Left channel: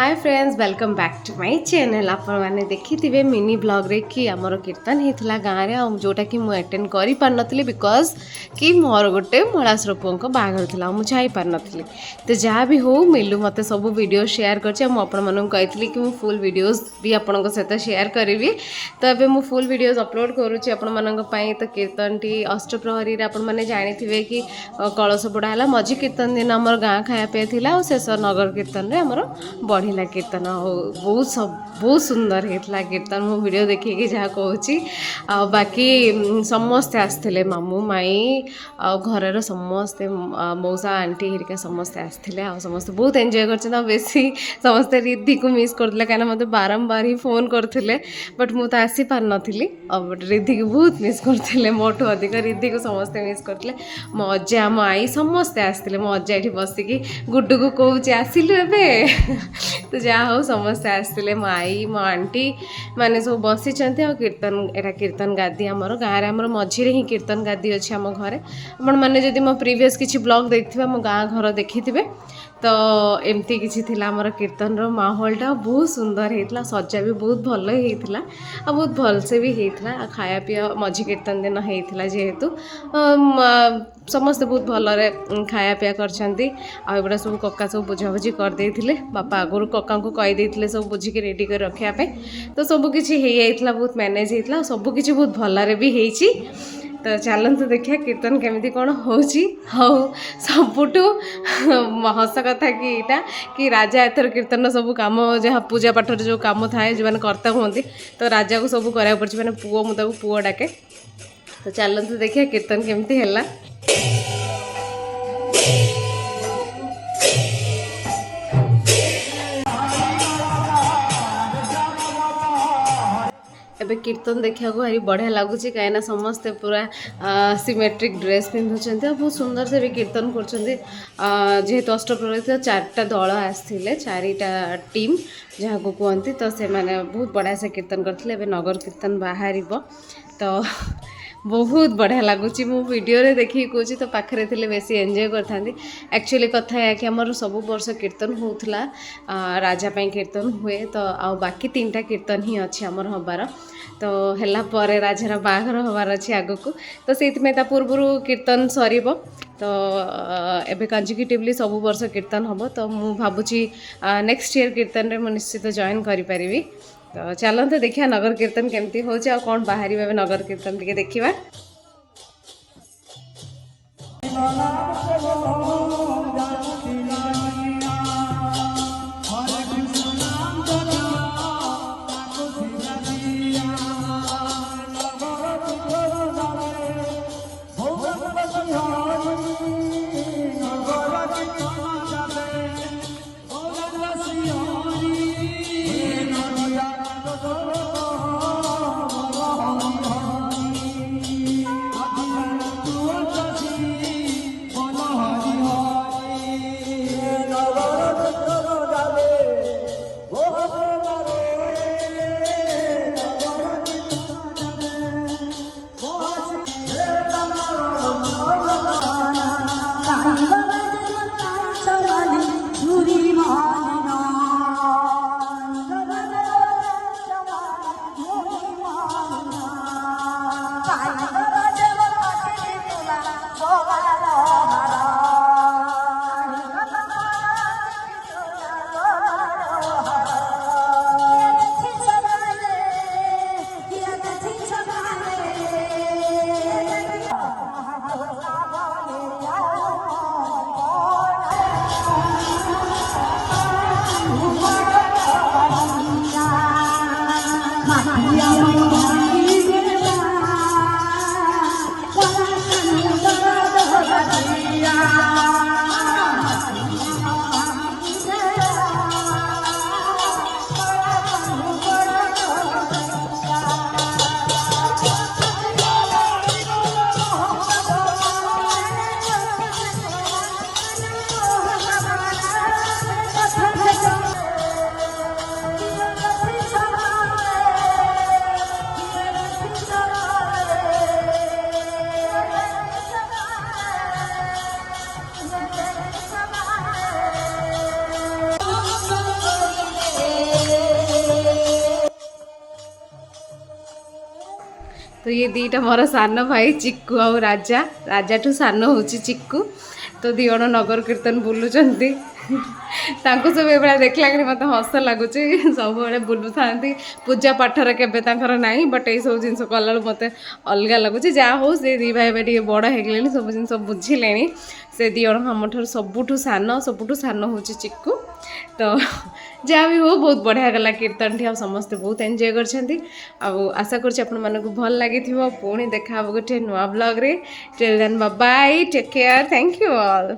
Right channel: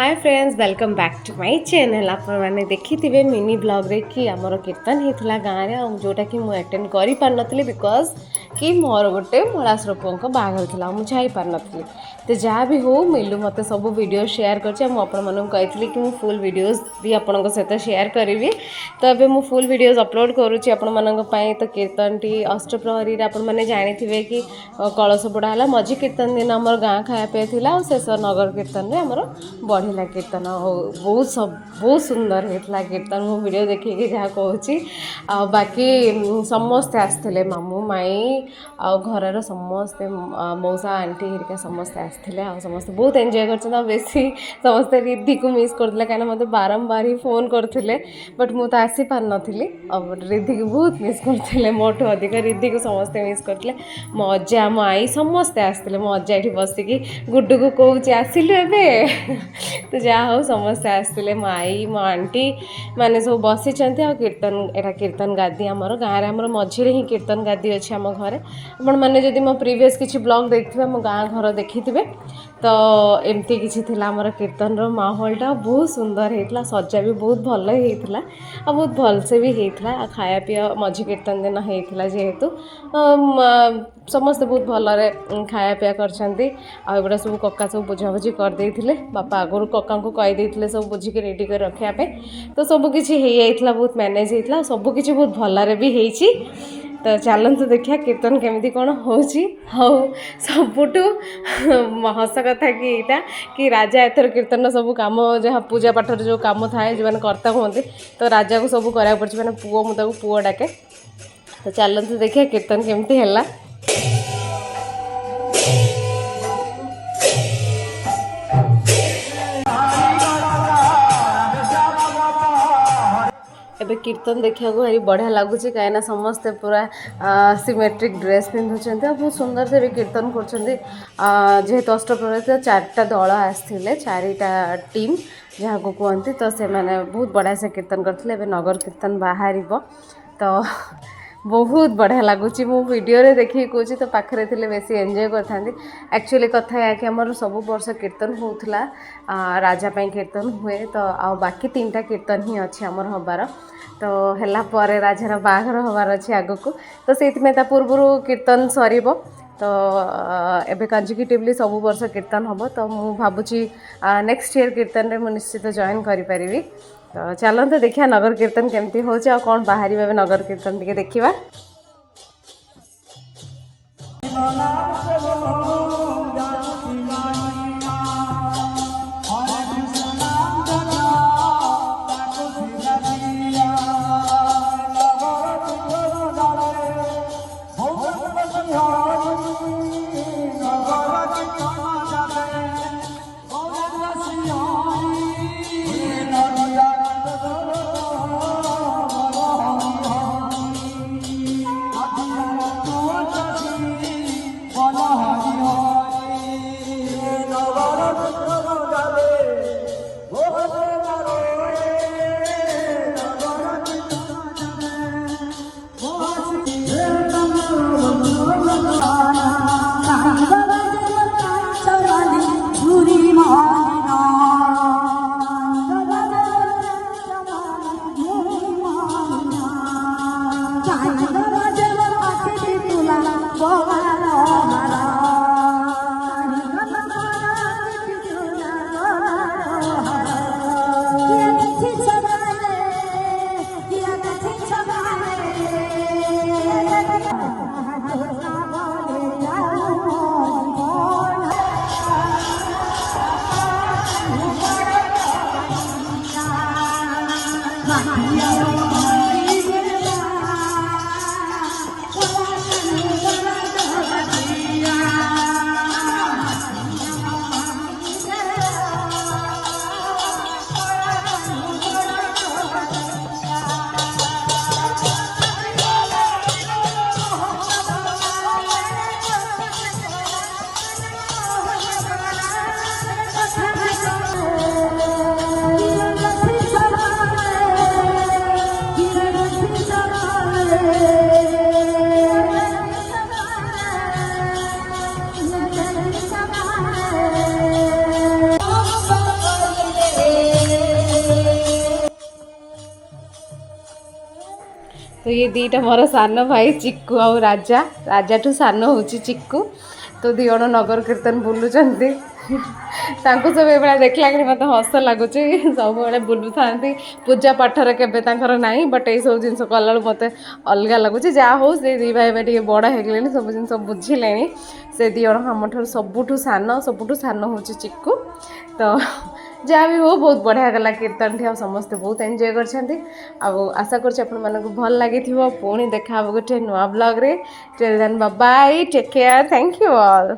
Hi friends welcome back to my channel. आपण मैंने देखी मिनी ब्लॉग रे कि आमर कीर्तन होता गाँव में जोटा कि मुझे अटेंड कर पार नी बिकज कि मोर गोटे मलाश्वर पुओं बाहर था मुझे जाई पार नी। तो जहाँ भी हो मिलू मत सब वीडियो शेयर करी कि मु फुल वीडियोस भी आपण सहित शेयर करी। तो ये मु फुल वीडियोस अपलोड करुँची आपण मानी। तो कीर्तन टी अष्टप्रहरी आपने जानी कि कलश बुड़ा है मझी कीर्तन दिन आम गाँ खायापी था शेष नगर कीर्तन आमर बढ़िला कीर्तन बहुत सुंदर होता कीर्तन। मु वीडियो देखिए जहाँ कहूँ बाकी समस्ते आसते मामू माई आ घर समस्ते मौसा आंटी हरिका समस्ते आसते समस्ते बहुत एंजॉय कर बेसी समस्ते रिद्धि को मिस करते कहीं मत बारंबार ही फोन करते बट मुझे आसी पार नी बट रिद्धि को बहुत मिस करते मोठू अधिक रिद्धि को समस्ते मिस करते मो अजा मो आई समस्ते आसते मो अजा ये बसिकी गुड्डू को कौच आसिलु ए तो जहाँ हो समस्ते आसते मो आई मो आंटी मैंने सब बसी कीर्तन एटा कीर्तन गादी आमर गाँव में मझीरे ही कीर्तन गादी अच्छी आम घर आपण मैंने जदि मो प्रीवियस किसी ब्लॉग देखिए मो गाँ घर देखी तो एमती किसी थिला आमर कीर्तन रो माहौलटा बहुत सुंदर होता सजा भी बहुत भल होता बहुत भलसे भी होता खाया पीया मझी कीर्तन दिन होता जेहेतु समस्ते बहुत भलरे खाया पीया करगुड़ा सब कका सब बुझाबुझी करदे बापा आगुरी कका को कहीदे सब बुझिकी रेडी कर रखापे तो सबकि बहुत मैनेज होता सबकि बहुत भलरे भी होती। तो चलते देखिए कीर्तन केमी कौन हो सबुठू हस कथा कि यहाँ कि राजा एथर कीर्तन सब कम जहाँ पूजा पाठ जो कम थाए जो मैंने कर्ता कहते तो राजा को सब करा पड़े मैंने पुओ मुझे पुओ डाके। तो चलते देखिए कीर्तन केमती है। एबे कीर्तन देखा भारी बढ़िया लगुच कहीं समस्ते पूरा सिमेट्रिक ड्रेस पिंधुंट बहुत सुंदर से भी कीर्तन करेतु अष्टप्रहरी तो 4टा दल आसते 4टा टीम जहाँ को कहते तो से मैंने बहुत बढ़िया से कीर्तन करते नगर कीर्तन बाहर तो बहुत बढ़िया लगुच मु वीडियो रे देखिए कौच तो पाखे थे बेसी एंजॉय करते एक्चुअली कथा है कि आमर सब वर्ष कीर्तन होता राजा कीर्तन हुए तो आ बाकी 3टा कीर्तन ही अच्छी आमर हबार तो है पर राजार बाहर हबार अच्छे आग को तो से पूर्व कीर्तन सर तो एबे कंजिक्यूटिवली सब वर्ष कीर्तन हम तो मु भावुची नेक्स्ट ईयर कीर्तन रे मु निश्चित जॉइन करि परिबी। तो चलते देखिए नगर कीर्तन केमती हो कौन बाहर नगर कीर्तन टे देखा। तो ये दीटा मोर सान भाई चिक्कू आउ राजा राजाठू सान हूँ चिक्कू तो दी जण नगर कीर्तन बुलूचंती तांको सब एभला देखला कि मत हस लगुच सब बेले बुलू था पूजा पाठर केबे तांकर नाही बट ये सब जिन कला मत अलग लगुच जहाँ हो से दी भाई टे बड़ हो सब जिन बुझिले से दी जण आम सबुठू सान हूँ चिक्कू तो जहाँ भी हो बहुत बढ़िया गला कीर्तन ठी समस्ते बहुत एंजॉय कर आशा कर भल लगी पुणी देखा गोटे नुआ ब्लॉग रे till then bye bye take care thank you all.